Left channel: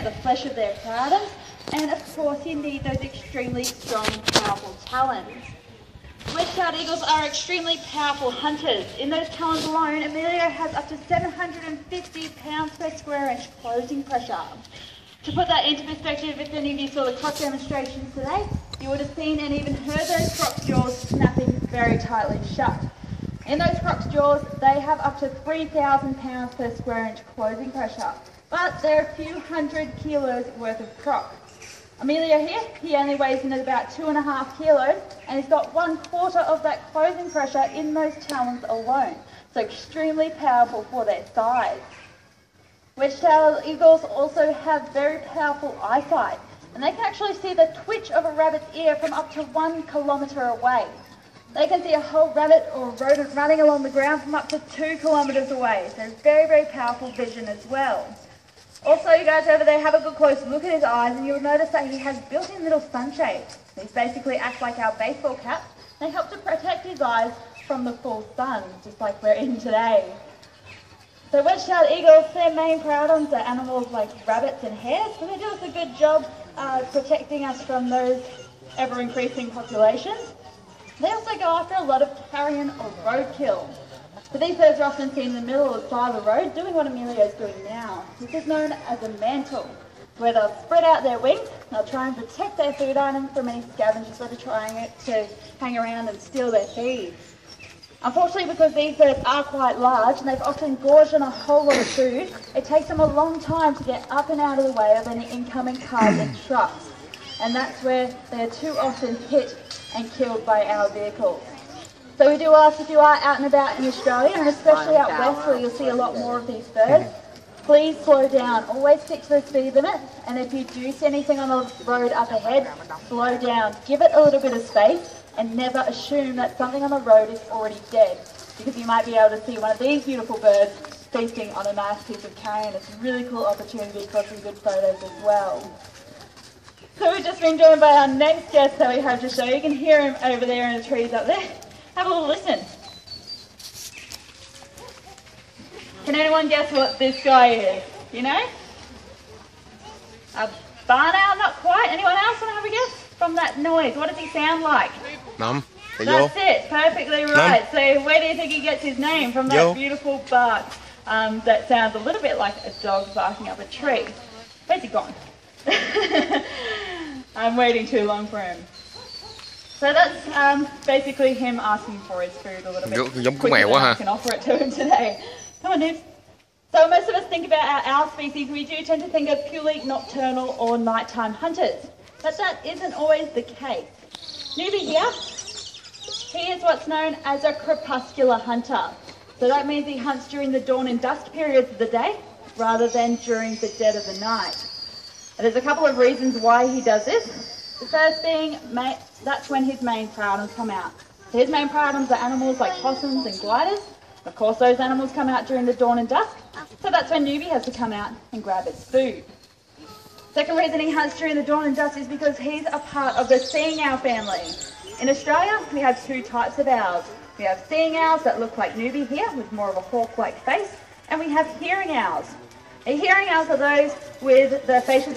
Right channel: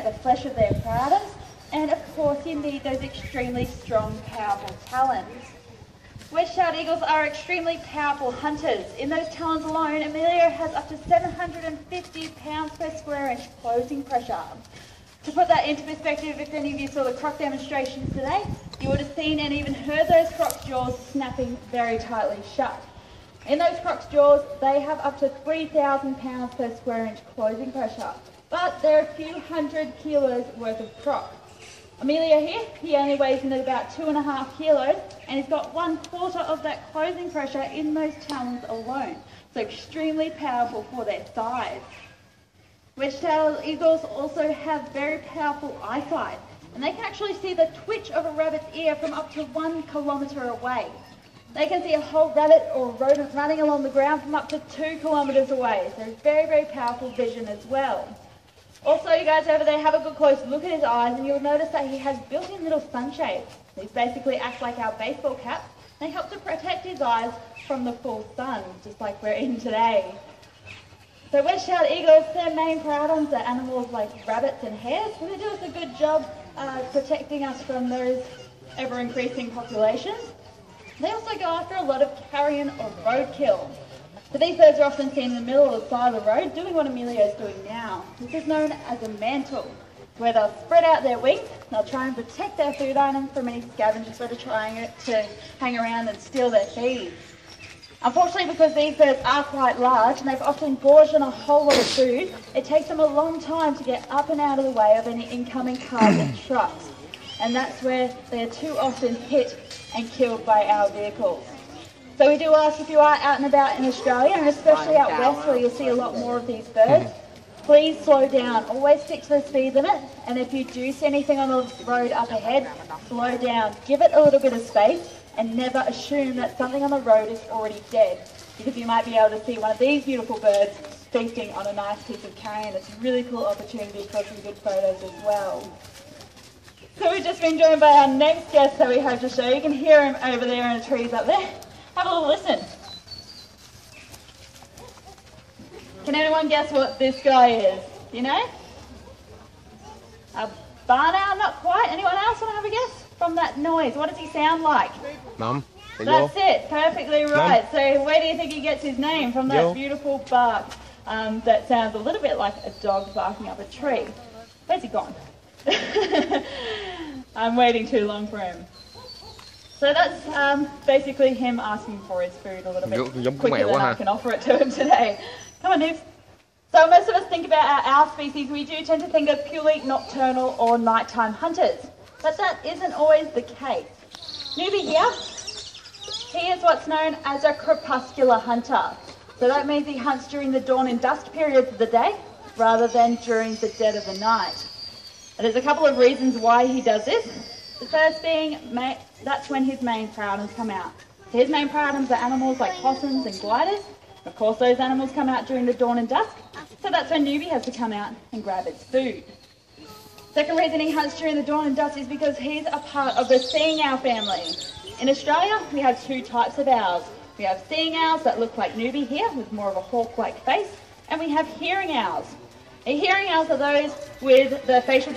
at the flesh of their prey. And of course you need those extremely strong, powerful talons. Wedge-tailed eagles are extremely powerful hunters. In those talons alone, Emilio has up to 750 pounds per square inch closing pressure. To put that into perspective, if any of you saw the croc demonstrations today, you would have seen and even heard those croc's jaws snapping very tightly shut. In those croc's jaws, they have up to 3,000 pounds per square inch closing pressure, but they're a few hundred kilos worth of croc. Emilio here, he only weighs in at about 2.5 kilos, and he's got 1/4 of that closing pressure in those talons alone, so extremely powerful for their size. Wedge-tailed eagles also have very powerful eyesight, and they can actually see the twitch of a rabbit's ear from up to 1 kilometre away. They can see a whole rabbit or rodent running along the ground from up to 2 kilometres away, so very, very powerful vision as well. Also, you guys over there, have a good close look at his eyes and you'll notice that he has built-in little sunshades. These basically act like our baseball caps. They help to protect his eyes from the full sun, just like we're in today. So wedge-tailed eagles, their main predators are animals like rabbits and hares, so they do us a good job protecting us from those ever-increasing populations. They also go after a lot of carrion or roadkill. So these birds are often seen in the middle of the side of the road doing what Emilio is doing now. This is known as a mantle, where they'll spread out their wings, they'll try and protect their food items from any scavengers that are trying to hang around and steal their feed. Unfortunately, because these birds are quite large and they've often gorged on a whole lot of food, it takes them a long time to get up and out of the way of any incoming cars and trucks. And that's where they're too often hit and killed by our vehicles. So we do ask, if you are out and about in Australia, and especially out west where you'll see a lot more of these birds, please slow down. Always stick to the speed limit, and if you do see anything on the road up ahead, slow down. Give it a little bit of space, and never assume that something on the road is already dead, because you might be able to see one of these beautiful birds feasting on a nice piece of carrion. It's a really cool opportunity for some good photos as well. So we've just been joined by our next guest that we have to show. You can hear him over there in the trees up there. Have a little listen. Can anyone guess what this guy is? You know? A barn owl? Not quite. Anyone else want to have a guess? From that noise, what does he sound like? Mum. That's it. Perfectly right. So where do you think he gets his name? From that beautiful bark that sounds a little bit like a dog barking up a tree. Where's he gone? I'm waiting too long for him. So that's basically him asking for his food a little bit quicker than I can offer it to him today. Come on, Nibs. So most of us think about our owl species, we do tend to think of purely nocturnal or nighttime hunters, but that isn't always the case. Newbie here, he is what's known as a crepuscular hunter. So that means he hunts during the dawn and dusk periods of the day, rather than during the dead of the night. And there's a couple of reasons why he does this. The first being, that's when his main predators come out. So his main predators are animals like possums and gliders. Of course, those animals come out during the dawn and dusk, so that's when Newbie has to come out and grab its food. Second reason he hunts during the dawn and dusk is because he's a part of the seeing owl family. In Australia, we have 2 types of owls. We have seeing owls that look like Newbie here, with more of a hawk-like face, and we have hearing owls. Hearing owls are those with the facial